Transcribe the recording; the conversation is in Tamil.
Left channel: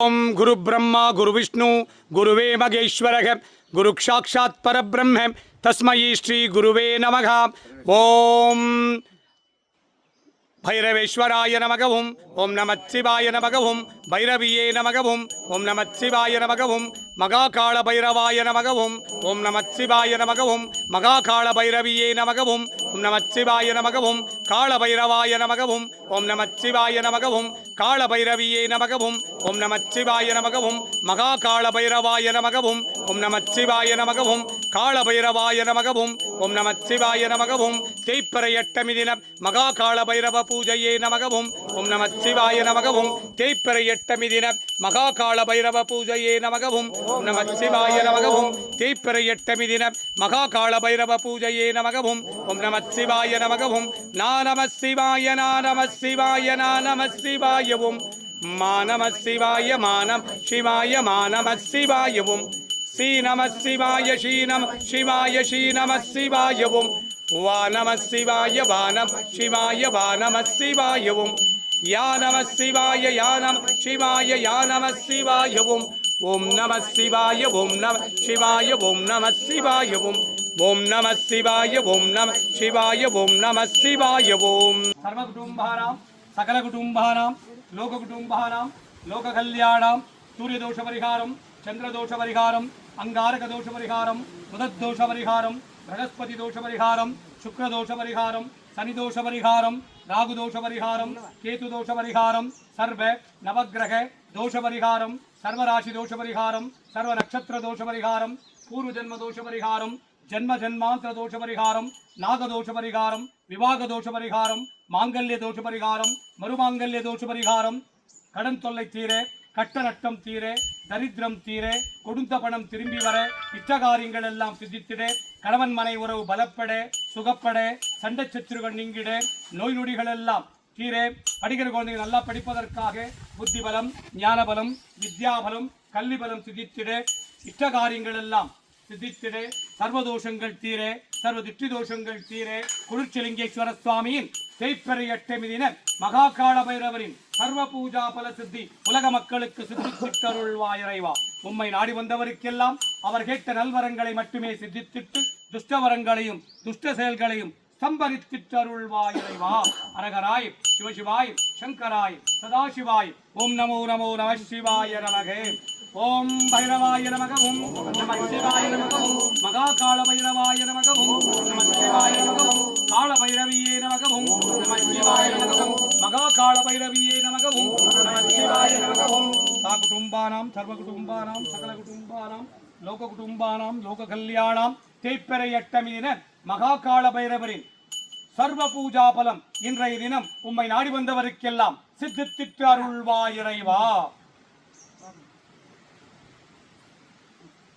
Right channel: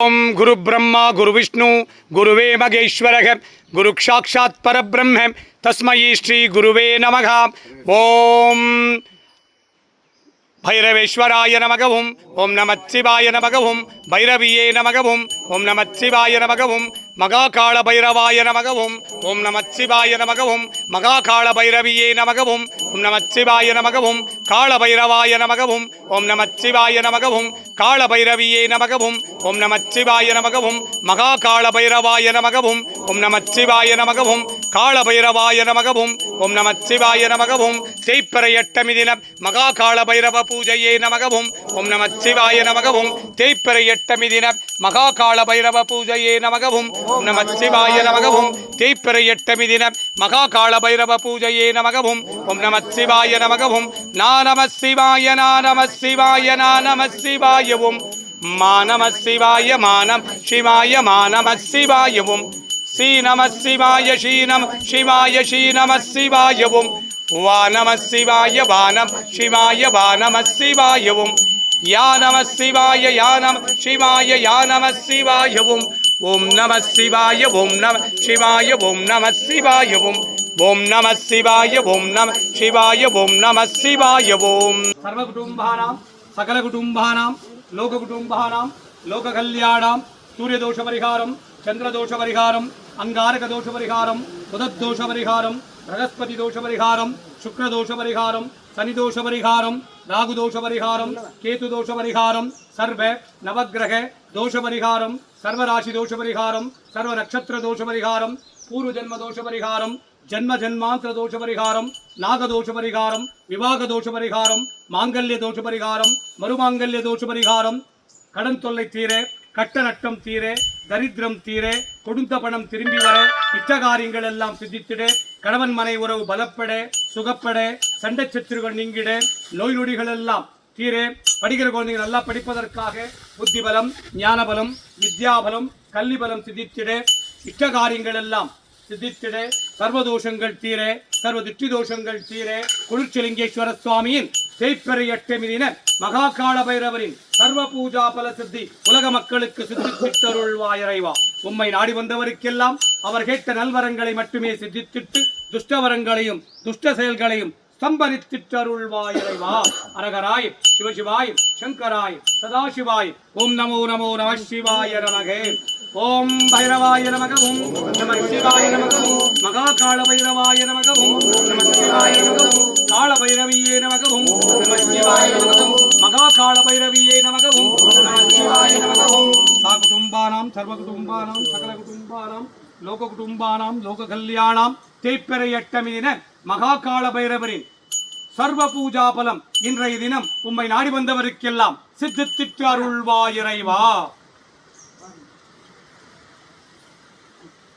ओम गुरु ब्रह्मा गुरु विष्णु गुरुवे महेश्वरः गुरु साक्षात् परब्रह्म तस्मै श्री गुरुवे नमः। ओम भैरवेश्वराय नमः। ओम नमः शिवाय नमः। भैरवीये नमः। ओम नमः शिवाय नमः। महाकाल भैरवाय नमः। ओम नमः शिवाय नमः। महाकाल भैरवीये नमः। ओम नमः शिवाय नमः। काल भैरवाय नमः। ओम नमः शिवाय नमः। काल भैरवीये नमः। ओम नमः शिवाय नमः। महाकाल भैरवाय नमः। ओम नमः शिवाय नमः। काल भैरवाय नमः। ओम नमः शिवाय नमः। तेप्परयट्टमि दिन महाकाल भैरव पूजये नमः। ओम नमः शिवाय नमः। तेप्परयट्टमि दिन महाकाल भैरव पूजये नमः। ओम नमः शिवाय नमः। तेप्परयट्टमि दिन महाकाल भैरव पूजये नमः। ओम नमः शिवाय नमः। ना नमः शिवाय ना नमः शिवाय ना नमः शिवाय ओम मा नमः शिवाय मा नमः शिवाय मा नमः शिवाय ओम श्री नमः शिवाय श्री नमः शिवाय श्री नमः शिवाय ओम वा नमः शिवाय वा नमः शिवाय वा नमः शिवाय ओम या नमः शिवाय या नमः शिवाय या नमः शिवाय ओम नमः शिवाय ओम नमः शिवाय ओम नमः शिवाय ओम नमः शिवाय ओम नमः शिवाय ओम नमः शिवाय ओम सर्वकुटुम्बानां सकलकुटुम्बानां लोककुटुम्बानां लोककल्याणां सूर्यदोषपरिहारं चन्द्रदोषपरिहारं अंगारकदोषपरिहारं सुदद्दोषपरिहारं बृहस्पतिदोषपरिहारं शुक्रदोषपरिहारं शनिदोषपरिहारं राहुदोषपरिहारं केतुदोषपरिहारं सर्व नवग्रह दोषपरिहारं सर्वराशिदोषपरिहारं सर्वनक्षत्रदोषपरिहारं पूर्वजन्मदोषपरिहारं जन्म जन्मांतर दोषपरिहारं नागदोषपरिहारं विवाहदोषपरिहारं मांगल्यदोषपरिहारं मरुमांगल्यदोषपरिहारं கடன் தொல்லை தீர கட்ட நட்டம் தீர தரித்திரம் தீர கொடுத்த பணம் திரும்பி வர இஷ்ட காரியங்கள் எல்லாம் சித்தித்திட கணவன் மனை உறவு பலப்பட சுகப்பட சண்டை சத்துருகள் நீங்கிட நோய் நொடிகள் எல்லாம் தீர படிக்கிற குழந்தைகள் நல்லா படிப்பதற்காக புத்தி பலம் ஞான பலம் வித்யாபலம் கல்வி பலம் சித்தித்திட இஷ்ட காரியங்கள் எல்லாம் சித்தித்திட சர்வதோஷங்கள் தீர சர்வ திருஷ்டி தோஷங்கள் தீர குளிர்ச்சலிங்கேஸ்வர சுவாமியின் தேய்ப்பெறையட்டமி தின மகாகால பைரவரின் சர்வ பூஜா பல சித்தி உலக மக்களுக்கு சித்தித்திட்டருள்வாய் இறைவா. உம்மை நாடி வந்தவருக்கெல்லாம் அவர் கேட்ட நல்வரங்களை மட்டுமே சித்தித்திட்டு துஷ்டவரங்களையும் துஷ்ட செயல்களையும் சம்பரித்திட்டருள்வாய் இறைவா. அரகராய் சிவசிவாய் சங்கராய் சதாசிவாய் ஓம் நமோ நமோ நம சிவாய நமகே. ஓம் பைரவாய நமக ஓம் நம சிவாய நமக ஓம் மகாகால பைரவாய நமக ஓம் நம சிவாய நமக ஓம் கால பைரவியே நமக ஓம் நம சிவாய நமக ஓம் மகாகால பைரவியே நமக ஓம் நம சிவாய நமக ஓம் சா குடும்பானாம் சர்வ குடும்பானாம் சகல குடும்பானாம் லோக குடும்பானாம் லோக கல்யாணாம் தேய்ப்பெறையட்டமி தின மகாகால பைரவரின் சர்வ பூஜா பலம் இன்றைய தினம் உம்மை நாடி வந்தவருக்கெல்லாம் சித்தித்திட்டு அருள்வாய் இறைவா.